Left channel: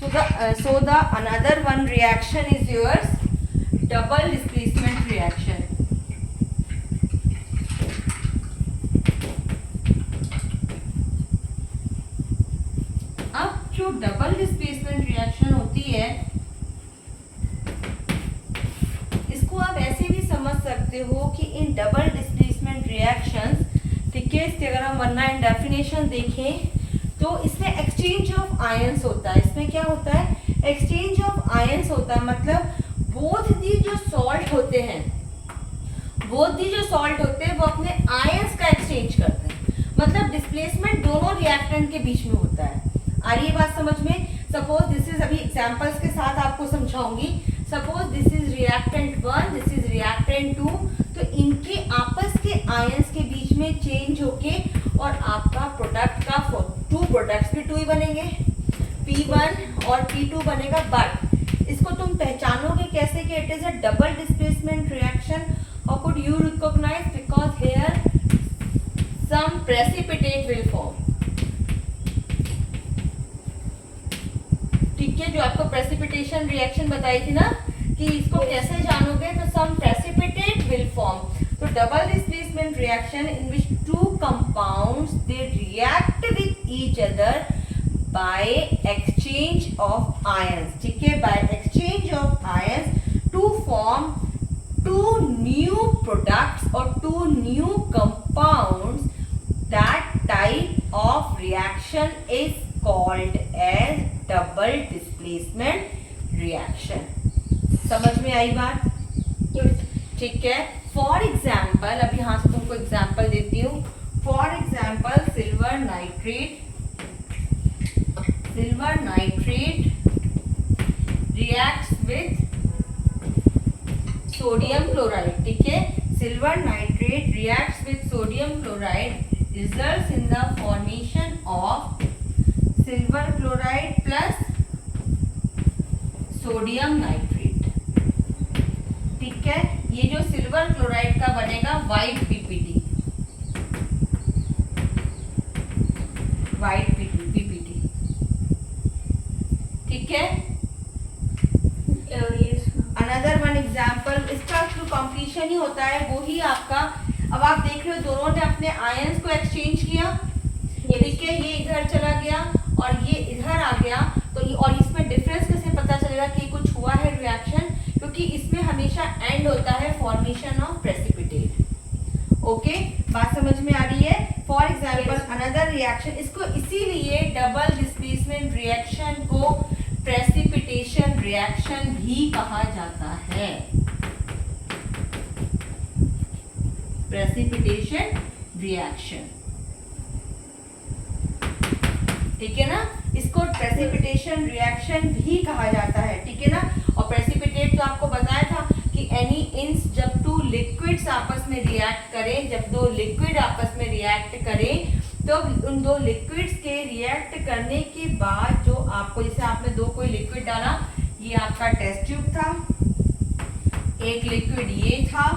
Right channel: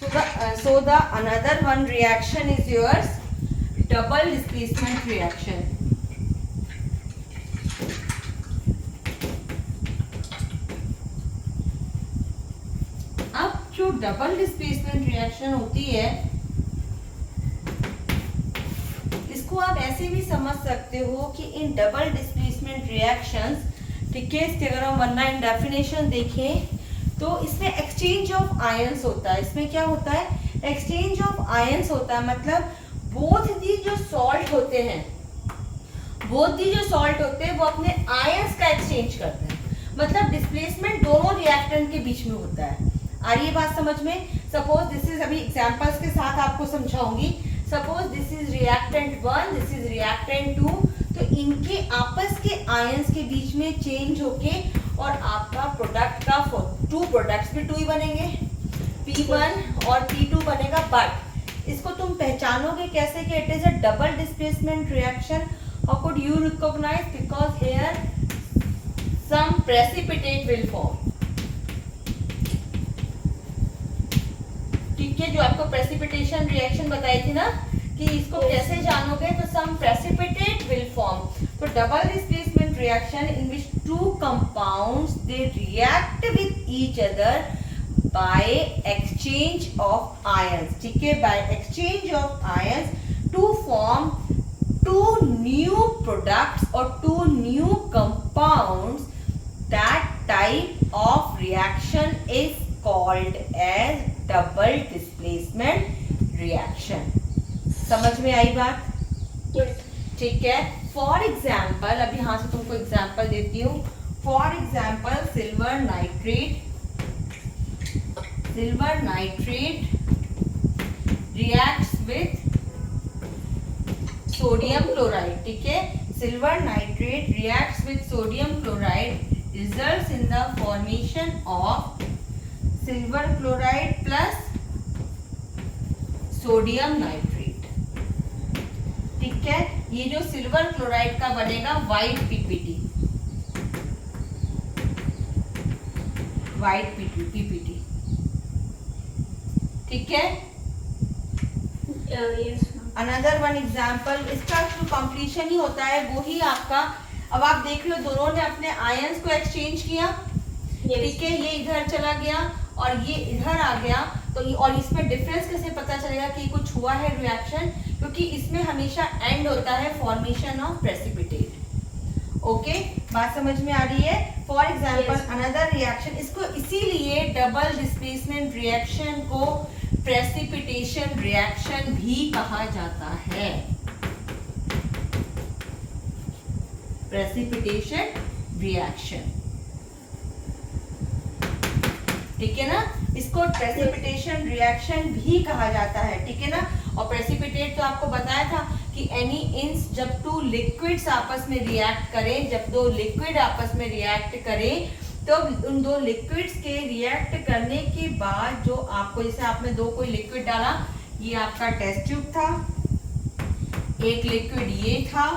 So the another one reaction is yours double displacement reaction. अब जो double displacement reaction होती है इसको आप ऐसे भी समझ सकते हो कि इन डबल डिस्प्लेसमेंट रिएक्शंस, ठीक है, इसके अगर हम वन लाइन डेफिनेशन देखें तो इसमें एक्सचेंज ऑफ आयंस होता है। इसमें क्या होता है? एक्सचेंज ऑफ आयंस होता है, मतलब बोथ दी जो सॉल्ट होते हैं, बोथ दी जो सॉल्ट होते हैं वो अपने आयंस का एक्सचेंज करते हैं, मतलब डिस्प्लेसमेंट दोनों रिएक्टेंट के बीच में होता है। आ रही है बात समझ में? सपोज दिस इज, अभी एग्जांपल्स के साथ आपको समझाऊंगी। Suppose this is reactant 1, this is reactant 2, तो इनके आपस के आयंस के बीच में चेंज होके और आपका प्रोडक्ट का टू प्रोडक्ट्स भी टू ही बनेंगे, P1 और P2 बनेगा। बट इसको तुम पहचानोगे कैसे कि it is a double displacement reaction? How could you recognize? Because here some precipitate will form. ठीक है, जो आपको प्रेसिपिटेशन रिएक्शन बताई थी ना कि इसको कैसे जानोगे, तो सम प्रेसिपिटेट विल फॉर्म। तो double displacement reaction in which two compounds they react with each other by exchange of ions. ठीक है, by exchange of ions to form two new products और two new compounds. That type of reaction is called as double displacement reaction. समझ में आई बात? ठीक है, for example, अब यहां से तुमको एग्जाम्पल देती हूँ। For example silver nitrate reacts with sodium chloride. ठीक है, silver nitrate reacts with sodium chloride results in the formation of silver chloride plus sodium nitrate. ठीक है, ये जो सिल्वर क्लोराइड का बनेगा व्हाइट पीपीटी, व्हाइट पीपीटी। ठीक है, अनदर वन एग्जाम्पल, इसका जो कंप्लीशन ही होता है वो ही आपका। अब आप देख रहे हो दोनों ने अपने आयंस को एक्सचेंज किया। ठीक है, ये इधर चला गया और ये इधर आ गया, तो और इसमें डिफरेंस कैसे पता चलेगा कि कुछ हुआ है रिएक्शन? क्योंकि इसमें हमेशा एंड होता है फॉर्मेशन ऑफ प्रेसिपिटेट। ओके, बात समझ में आ रही है? फॉर एग्जांपल अनदर रिएक्शन, इसको इसीलिए डबल डिस्प्लेसमेंट रिएक्शन को प्रेसिपिटेशन रिएक्शन भी कहा जाता है। प्रेसिपिटेशन रिएक्शन, ठीक है ना, इसको प्रेसिपिटेशन रिएक्शन भी कहा जाता है। ठीक है ना, और प्रेसिपिटेट तो आपको बताया था कि एनी इंस, जब टू लिक्विड्स आपस में रिएक्ट करें, जब दो लिक्विड आपस में रिएक्ट करें, तो उन दो लिक्विड्स के रिएक्ट करने के बाद जो आपको, जैसे आपने दो कोई लिक्विड डाला, ये आपका टेस्ट ट्यूब था, एक लिक्विड ये था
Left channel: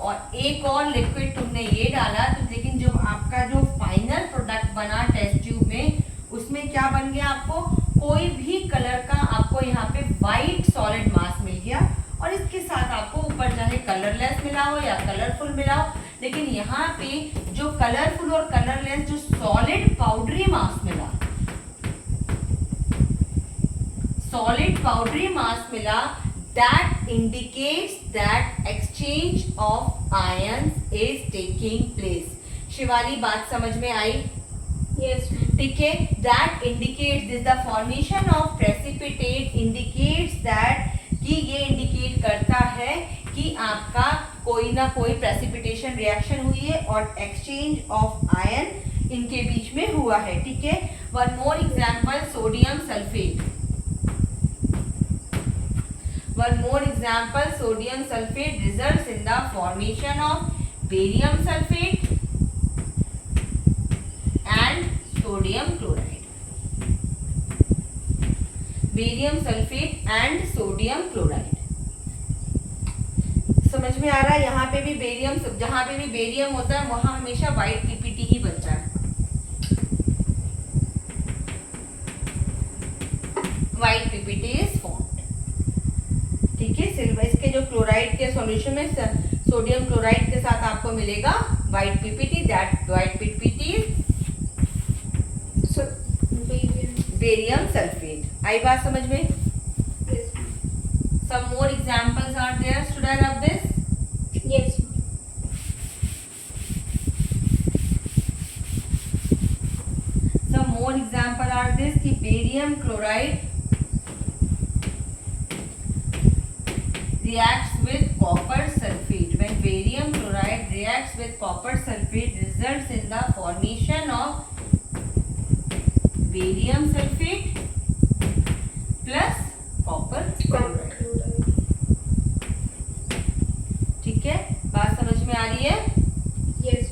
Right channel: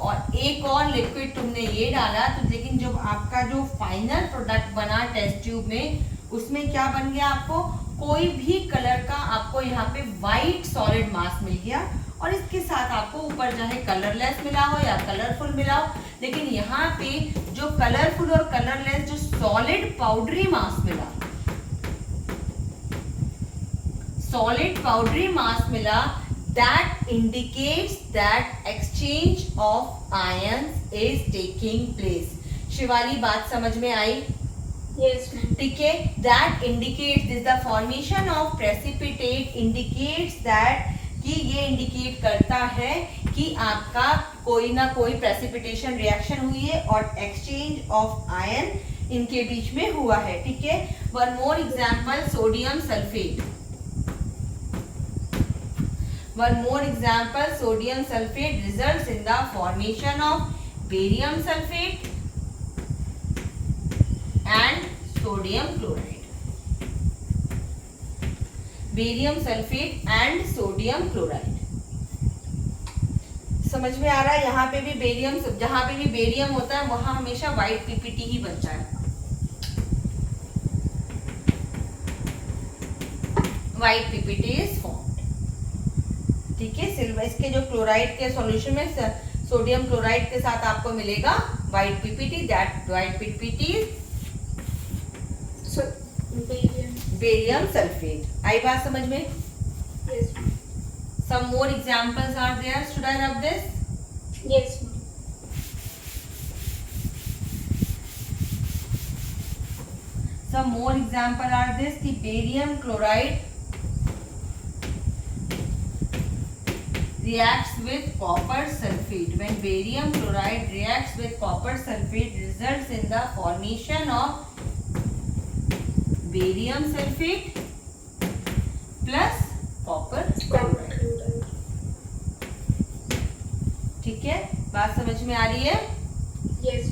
और एक और लिक्विड तुमने ये डाला, तो लेकिन जो आपका जो फाइनल प्रोडक्ट बना टेस्ट ट्यूब में, उसमें क्या बन गया? आपको कोई भी कलर का आपको यहाँ पे वाइट सॉलिड मास मिल गया, और इसके साथ आपको ऊपर चाहे कलरलेस मिला हो या कलरफुल मिला हो, लेकिन यहाँ पे जो कलरफुल और कलरलेस जो सॉलिड पाउडरी मास मिला, सॉलिड पाउडरी मास मिला, that indicates that exchange of ions is taking place. Shivani, बात समझ में आई? Yes. ठीक है, that indicates this, the formation of precipitate indicates that, कि ये इंडिकेट करता है कि आपका कोई ना कोई प्रेसिपिटेशन रिएक्शन हुई है और एक्सचेंज ऑफ आयन इनके बीच में हुआ है। ठीक है, one more example, sodium sulphate. One more example, sodium sulfate results in the formation of barium sulfate and sodium chloride. Barium sulfate and sodium chloride. समझ में आ रहा है? यहाँ पे भी बेरियम, जहाँ पे भी बेरियम होता है वहां हमेशा व्हाइट पीपीटी ही बचा है। White PPT is formed. ठीक है, सिल्वर इसके जो क्लोराइड के सॉल्यूशन में सोडियम क्लोराइड के साथ आपको मिलेगा white PPT. That white PPT barium sulphate. आई बात समझ में? Yes. Some more examples are there. Should I rub this? Yes. Some more example are this. The barium chloride reacts with copper sulfate. When barium chloride reacts with copper sulfate, results in the formation of barium sulfate plus copper chloride. ठीक है, बात समझ में आ रही है? Yes.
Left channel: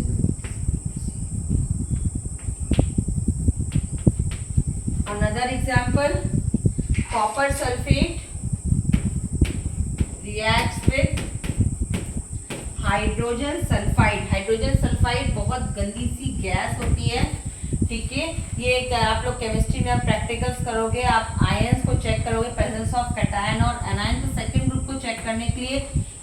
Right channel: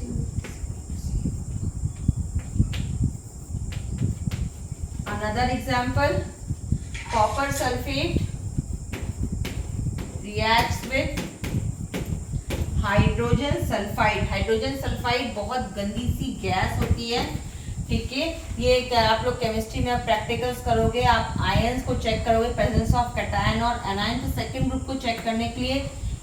Another example, copper sulfate reacts with hydrogen sulphide. Hydrogen sulphide बहुत गंदी सी gas होती है। ठीक है, ये आप लोग केमिस्ट्री में आप प्रैक्टिकल्स करोगे, आप आयंस को चेक करोगे, प्रेजेंस ऑफ कैटायन और एनायन। तो सेकंड ग्रुप को चेक करने के लिए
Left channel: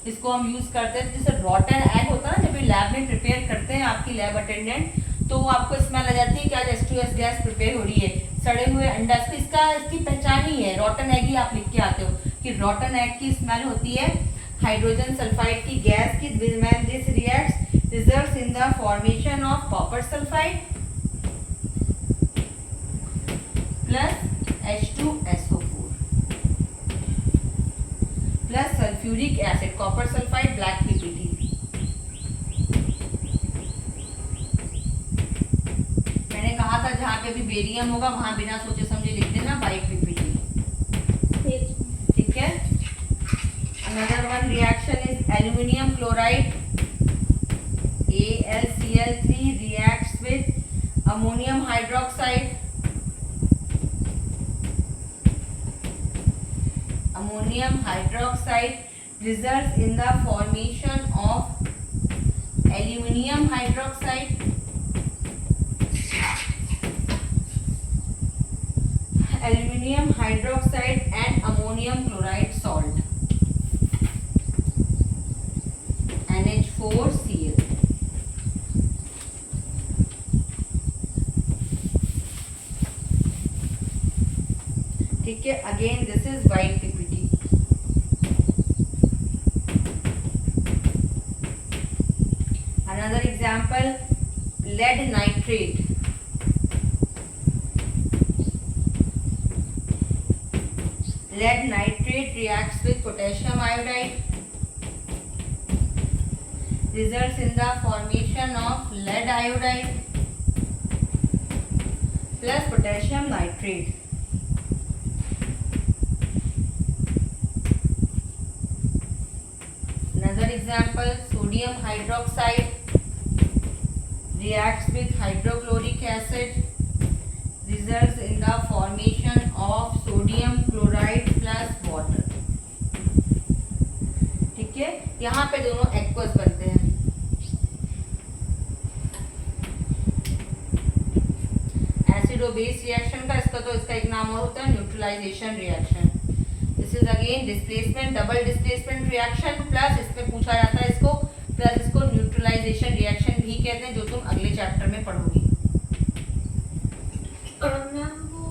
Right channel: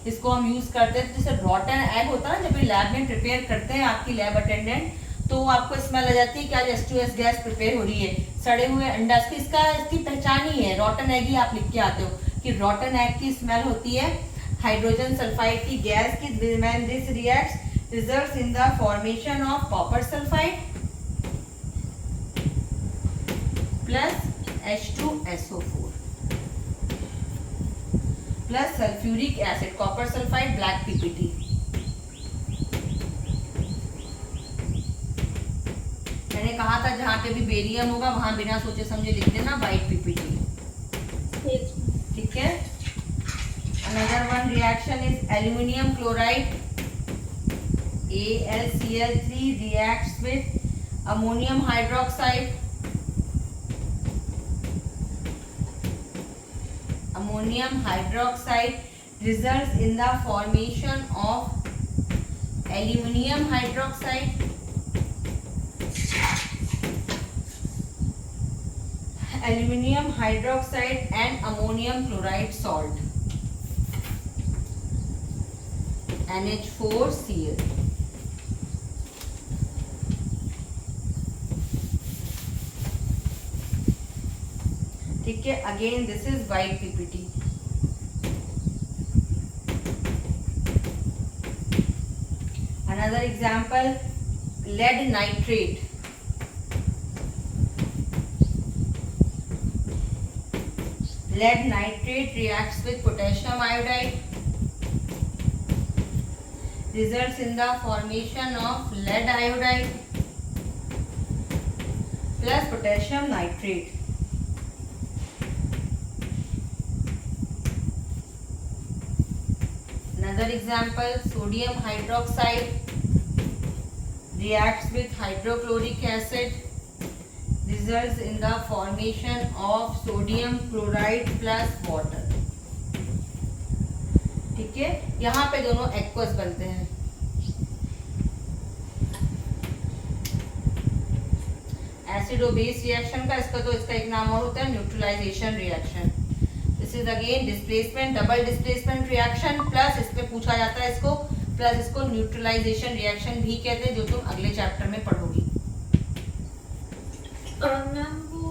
इसको हम यूज करते हैं। जैसे रॉटन एग होता है ना, जब ये लैब में प्रिपेयर करते हैं आपकी लैब अटेंडेंट, तो आपको स्मेल आ जाती है कि आज H2S गैस प्रिपेयर हो रही है, सड़े हुए अंडा। इसकी पहचान ही है, रॉटन एग ही आप लिख के आते हो कि रॉटन एग की स्मेल होती है हाइड्रोजन सल्फाइड की गैस की। When this reacts results in the formation of copper sulphide plus H2SO4 plus sulphuric acid, copper sulphide black PPT. मैंने कहा था जहां पे भी बेरियम होगा वहां बिना सोचे समझे लिख देना व्हाइट पीपीटी। Yes. ठीक है। Another one reaction is aluminium chloride AlCl3 reacts with ammonium hydroxide. Ammonium hydroxide results in the formation of aluminium hydroxide. Aluminium hydroxide and ammonium chloride salt NH4Cl. ठीक है, again this is white PPT. Another example, lead nitrate. Lead nitrate reacts with potassium iodide, results in the formation of lead iodide plus potassium nitrate. Another example, sodium hydroxide reacts with hydrochloric acid, results in the formation of sodium chloride plus water. ठीक है, यहाँ पे दोनों aqueous बनते हैं। Acid और base reaction का इसका एक नाम और होता है neutralization reaction. This is again displacement, double displacement reaction plus इसमें पूछा जाता है इसको प्लस इसको न्यूट्रलाइजेशन रिएक्शन भी कहते हैं, जो तुम अगले चैप्टर में पढ़ोगी। मैम वो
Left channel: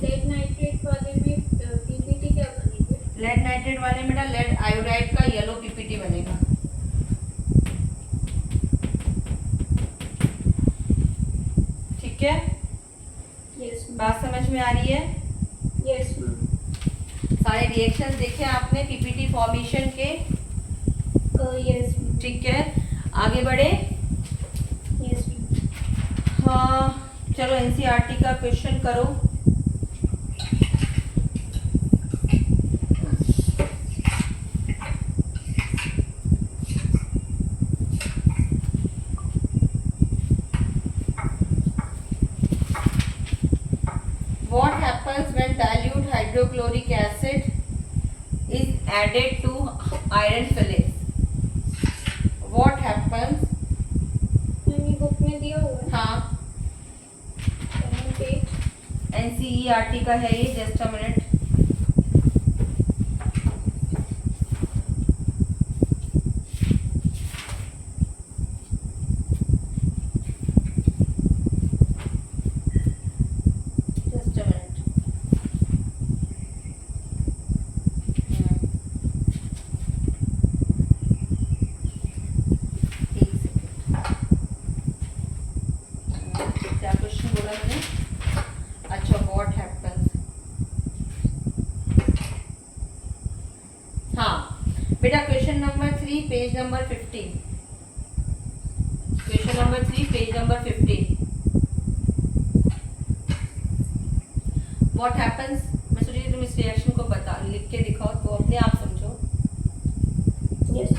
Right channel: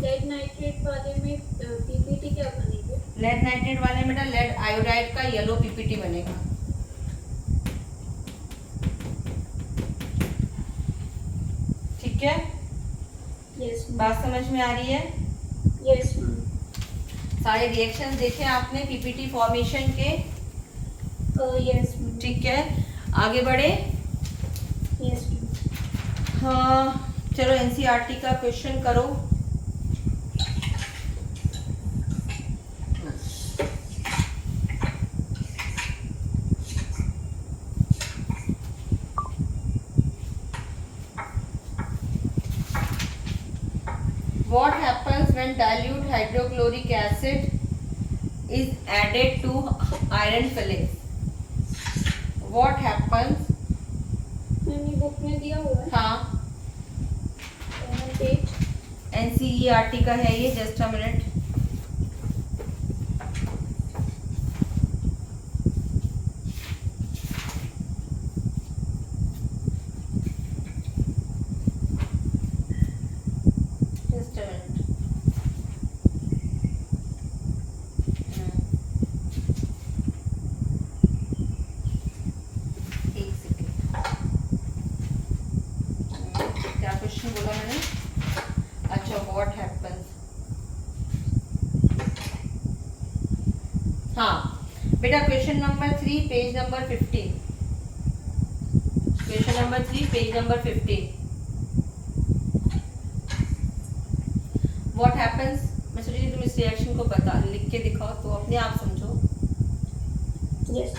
लेड नाइट्रेट वाले में पीपीटी क्या बनेगी? लेड नाइट्रेट वाले में बेटा लेड आयोडाइड का येलो पीपीटी बनेगा। ठीक है, यस बात समझ में आ रही है? Yes ma'am. सारे रिएक्शंस देखे आपने पीपीटी फॉर्मेशन के? Yes ma'am. ठीक है, आगे बढ़े। Yes ma'am. हाँ चलो एनसीईआरटी का क्वेश्चन करो। What happens when dilute hydrochloric acid is added to iron filings? What happens? Ma'am ये बुक में दिया हुआ है। हाँ पेज NCERT का है ये, just a minute. Just a minute. एक सेकेंड। क्या क्वेश्चन बोला मैंने? अच्छा, व्हाट हैपेंस। हाँ बेटा, question number 3 page number 15। Question number 3 page number 15। What happens, मैं सोच रही थी तुम इस रिएक्शन को बता लिख के दिखाओ तो अपने आप समझो। Yes.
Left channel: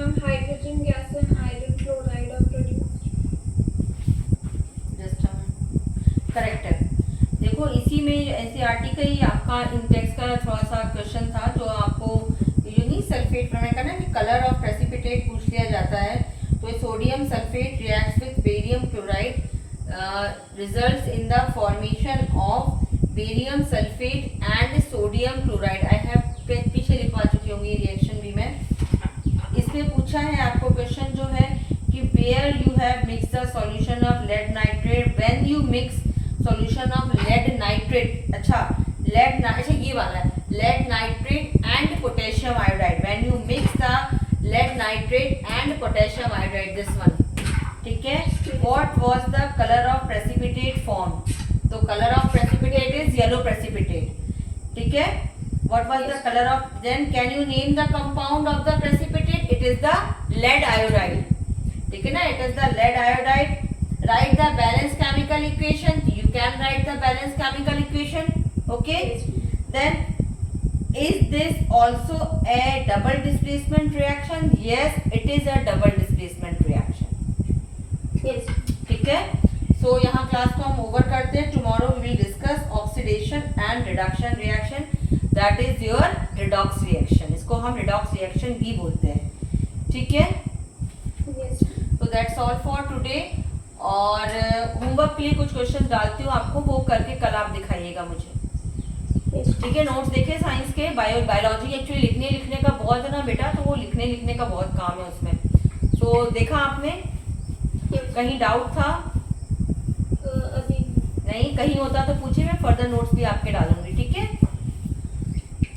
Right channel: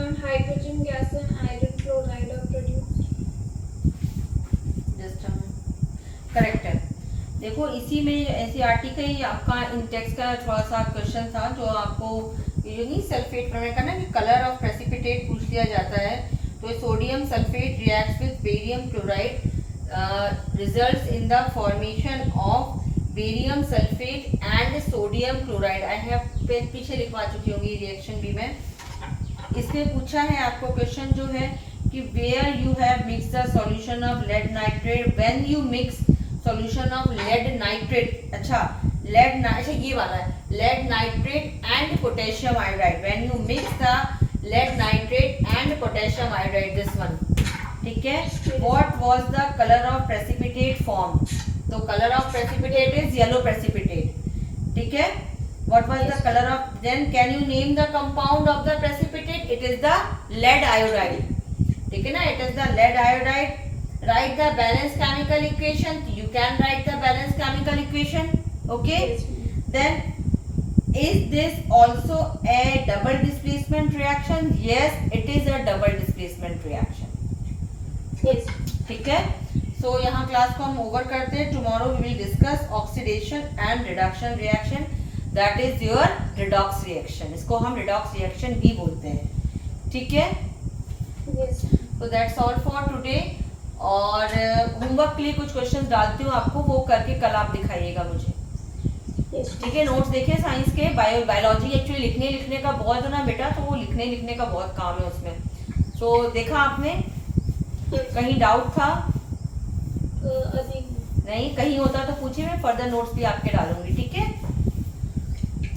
Ma'am, hydrogen gas and iron chloride are produced. Just correct है। देखो इसी में एनसीईआरटी का ही आपका इंटेक्स का थोड़ा सा क्वेश्चन था, जो आपको ये नहीं सल्फेट प्रमेय का ना कि कलर ऑफ प्रेसिपिटेट पूछ लिया जाता है। तो sodium sulphate reacts with barium chloride results in the formation of barium sulphate and sodium chloride. I have पीछे लिखवा चुकी होंगी रिएक्शन भी मैं। इसमें पूछा है आपको क्वेश्चन जो है कि where you have mix the solution of lead nitrate, when you mix solution of lead nitrate. अच्छा अच्छा ये वाला है, lead nitrate and potassium iodide, when you mix the lead nitrate and potassium iodide, this one. ठीक है, what was the colour of precipitate form? तो colour of precipitate is yellow precipitate. ठीक है, what was the color of, then can you name the compound of the precipitate? It is the lead iodide. ठीक है ना, it is the lead iodide. Write the balanced chemical equation. You can write the balanced chemical equation. Okay, then is this also a double displacement reaction? Yes, it is a double displacement reaction. Yes. ठीक है, so यहाँ class को हम over करते हैं। Tomorrow we will discuss oxidation and reduction reaction. That is your redox reaction. इसको हम redox reaction भी बोलते हैं। ठीक है, Yes. so that's all for today. और होमवर्क के लिए कुछ क्वेश्चंस डालती हूँ आपको, वो करके कल आप दिखाइएगा मुझे। Yes. ठीक है, नोट्स देखिए साइंस के। बायोलॉजी एक्चुअली लिखने का बहुत है ना बेटा, तो वो लिखने का बहुत काम है उसमें। तो देखा आपने? Yes. कहीं डाउट था? अभी नहीं, कहीं होता तो पूछिए, मैं फर्दर नोट्स भी आपके डालूंगी। ठीक है,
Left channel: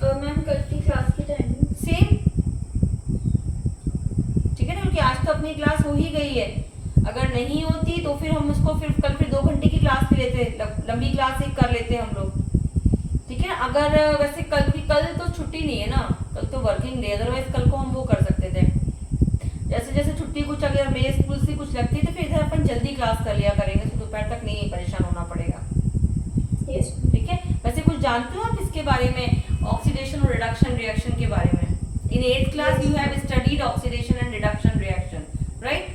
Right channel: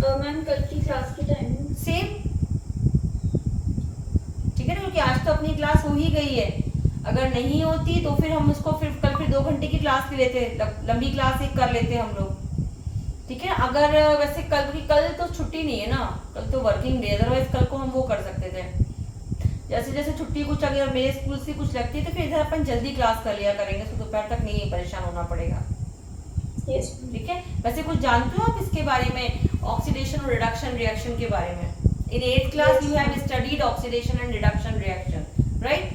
मैम कल की क्लास की टाइमिंग सेम। ठीक है ना, क्योंकि आज तो अपनी क्लास हो ही गई है। अगर नहीं होती तो फिर हम उसको कल 2 घंटे की क्लास भी लेते, लंबी क्लास एक कर लेते हम लोग। ठीक है, अगर वैसे कल तो छुट्टी नहीं है ना, कल तो वर्किंग डे, अदरवाइज कल को हम वो कर सकते थे। जैसे छुट्टी कुछ अगर मेरे स्कूल से कुछ लगती है तो फिर इधर अपन जल्दी क्लास कर लिया करेंगे, तो दोपहर तक नहीं परेशान होना पड़ेगा। Yes. ठीक है, वैसे कुछ जानते हो आप इसके बारे में, ऑक्सीडेशन और रिडक्शन रिएक्शन के बारे में? इन 8th class you have studied oxidation and reduction reaction, right?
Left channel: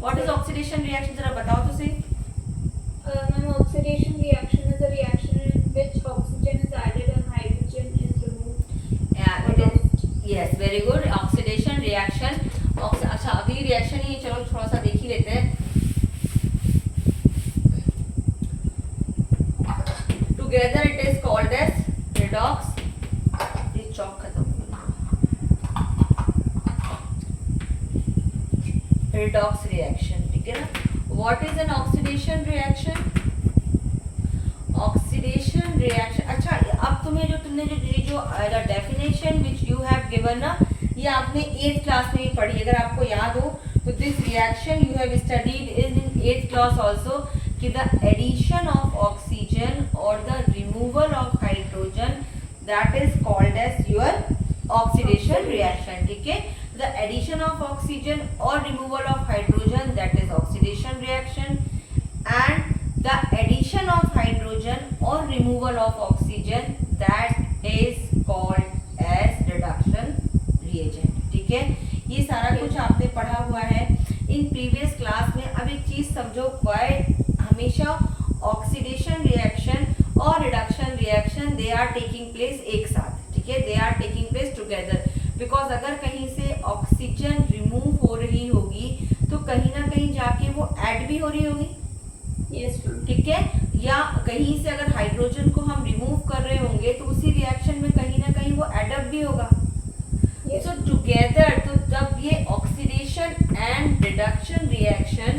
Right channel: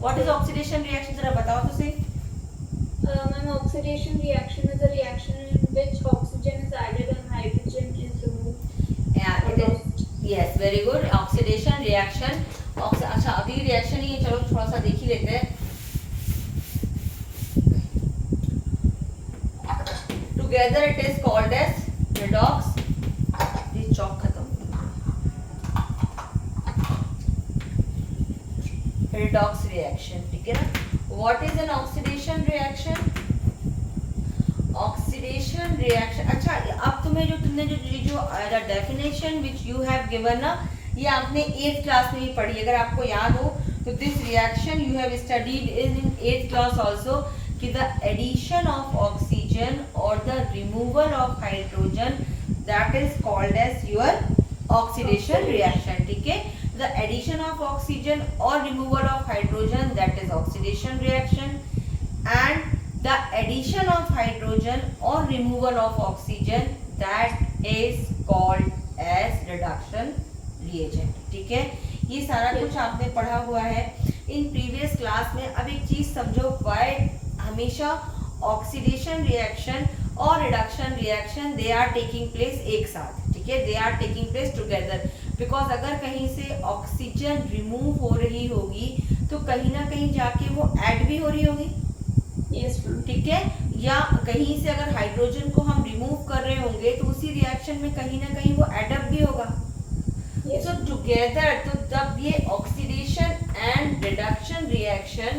What is oxidation reaction, जरा बताओ तो सही। Ma'am, oxidation reaction is a reaction in which oxygen is added and hydrogen is removed. Yeah, it is. Yes, very good. Oxidation reaction. अच्छा, अभी reaction ही चलो थोड़ा सा देख ही लेते हैं। Together it is called as redox. ये चौक खत्म हो गया। Redox reaction, ठीक है ना? What is an oxidation reaction? Oxidation reaction, अच्छा अब तुमने जो definition which you have given ना, ये आपने 8th क्लास में ही पढ़ी। अगर आपको याद हो तो this reaction you have studied in 8th class also, कि the addition of oxygen or the removal of hydrogen, that is called as your oxidation reaction। ठीक है, The addition of oxygen or removal of hydrogen, that is oxidation reaction, and the addition of hydrogen or removal of oxygen, that is called as reduction reagent. ठीक है, ये सारा कुछ आपने पढ़ा हुआ है इन प्रीवियस क्लास में. अब एक चीज समझो, वाई हमेशा ऑक्सीडेशन रिएक्शन और reduction reaction they are taking place एक साथ. ठीक है, they are taking place together, because अगर कहीं से ऑक्सीजन रिमूव हो रही होगी तो कहीं ना कहीं जाके वो ऐड भी हो रही होगी. Yes, ma'am. ठीक है, या कहीं से अगर हाइड्रोजन को हम रिमूव कर रहे होंगे तो उसी रिएक्शन में कहीं ना कहीं वो एडअप भी होगा. Yes. So together, तो तब ये oxidation and reduction reaction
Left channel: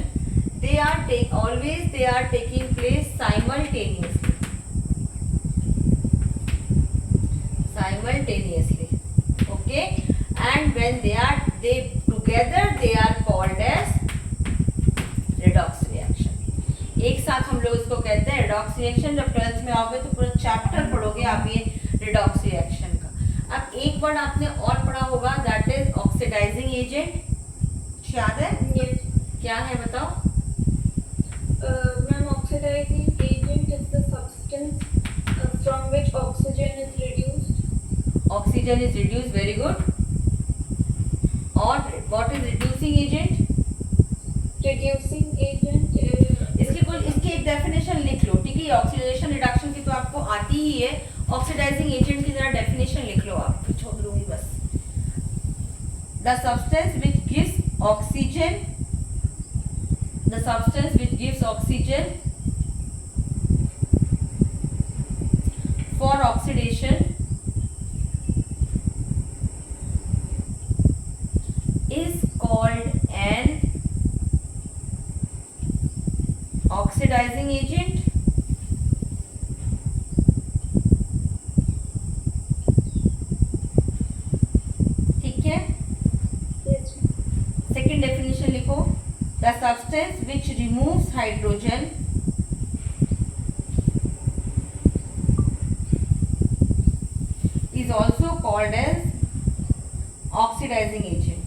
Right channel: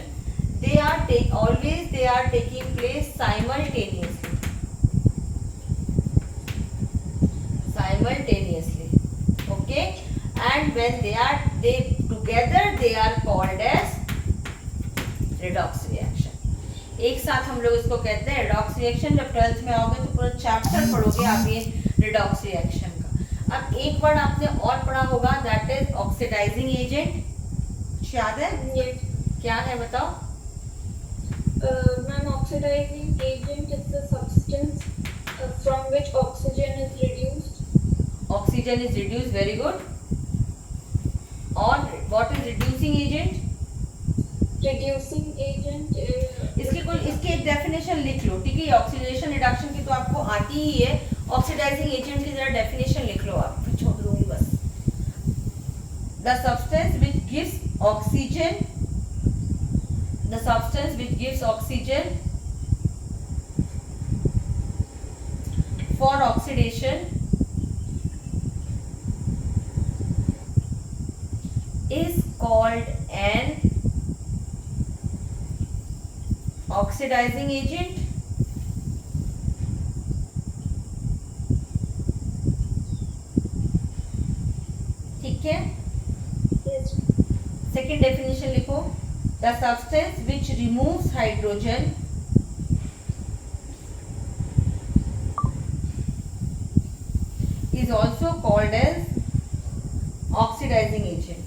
they are taking place simultaneously. Okay, and when they together they are called as redox reaction. एक साथ हम लोग इसको कहते हैं redox reaction. जब 12th में आओगे तो पूरा चैप्टर पढ़ोगे आप ये redox reaction का. अब एक वर्ड आपने और पढ़ा होगा, that is oxidizing agent. याद है? Yes. क्या है बताओ? Ma'am, oxidizing agent is the substance from which oxygen is reduced. Oxygen is reduced, very good. और what is reducing agent? Reducing agent इसकी एक डेफिनेशन लिख लो. ठीक है, ऑक्सीडेशन रिडक्शन की तो आपको आती ही है. ऑक्सीडाइजिंग एजेंट की जरा डेफिनेशन लिख लो आप, फिर छोड़ दूंगी बस. The substance which gives oxygen, the substance which gives oxygen for oxidation is called an oxidizing agent. ठीक है, Yes. सेकेंड डेफिनेशन लिखो. The substance which removes hydrogen is also called as oxidizing agent.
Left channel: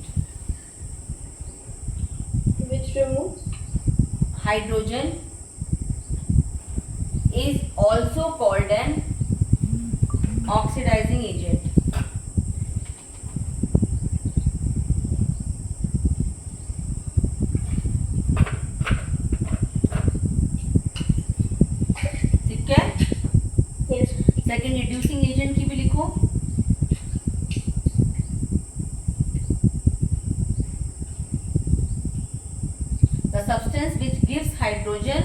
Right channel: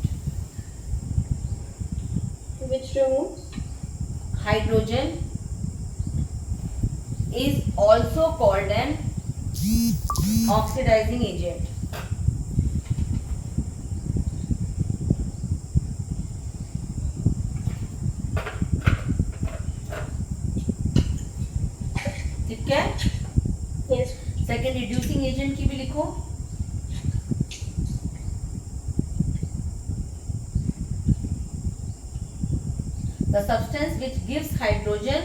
Which removes Hydrogen is also called an oxidizing agent. ठीक है, yes. Second reducing agent की भी लिखो. The substance which gives hydrogen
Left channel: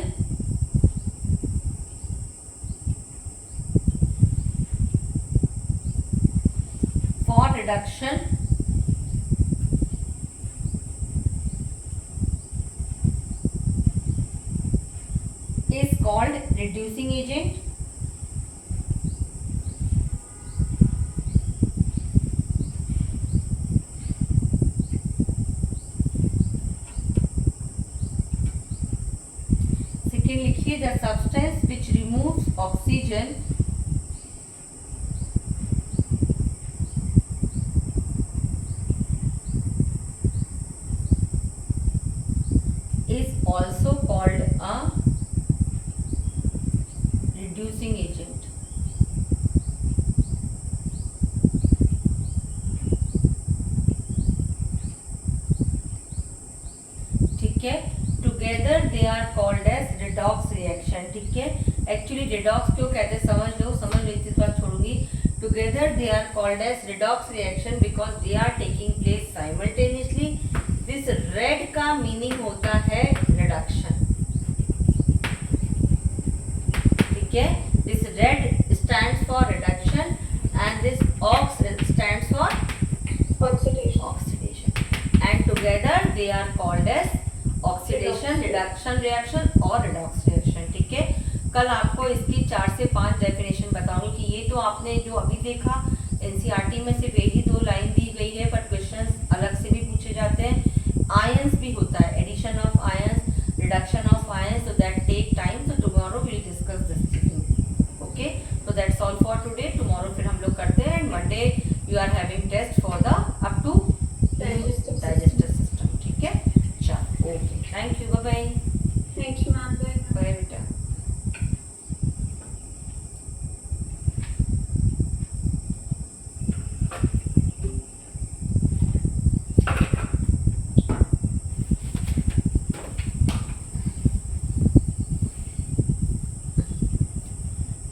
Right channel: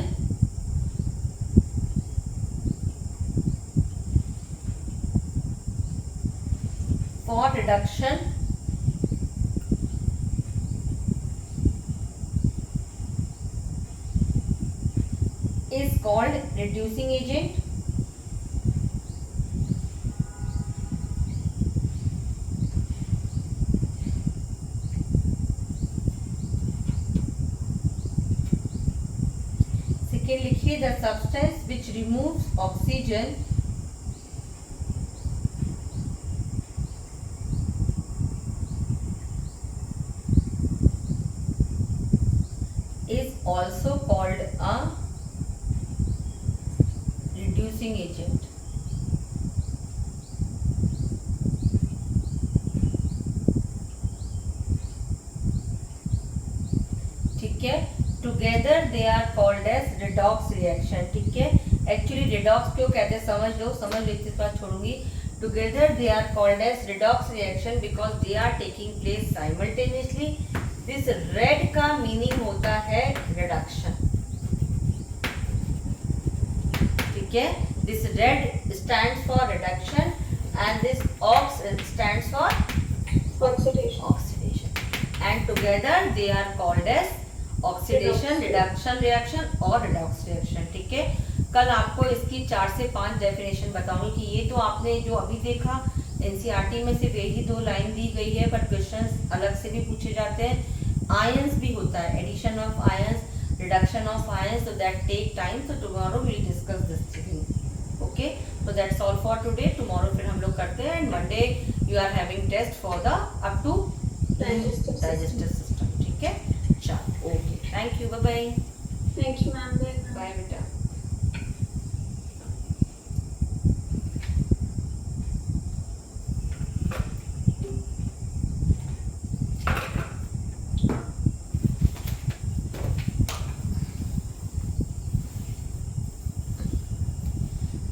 for reduction is called reducing agent. Second लिखिए, the substance which removes oxygen is also called a reducing agent. ठीक है, together they are called as redox reaction. ठीक है, actually redox क्यों कहते हैं समझ लो इतनी बात छोड़ूंगी. Together they are called as redox reaction because they are taking place simultaneously. This red का मीनिंग होता है रिडक्शन. ठीक है, this red stands for reduction and this ox stands for Oxidation. and together they are called as oxidation, reduction reaction और redox reaction. ठीक है, कल आपको इसकी 4 से 5 डेफिनेशन बताऊंगी कि ये तो आपने जो अभी देखा एनसीईआरटी में सिर्फ एक ही 2 लाइन दी गई है, बट क्वेश्चंस अलग से भी पूछे जाते हैं. आयंस भी होता है, addition of ions, reduction of ions, so that take time. So tomorrow we will discuss this thing. Okay, so that's all for today. Tomorrow फिर हम लोग करते हैं and Monday you are having test for the up to digestive system. Digestive system. ठीक है, चलो okay, thank you, bye bye. Thank you, ma'am. Bye, ma'am. Bye बेटा.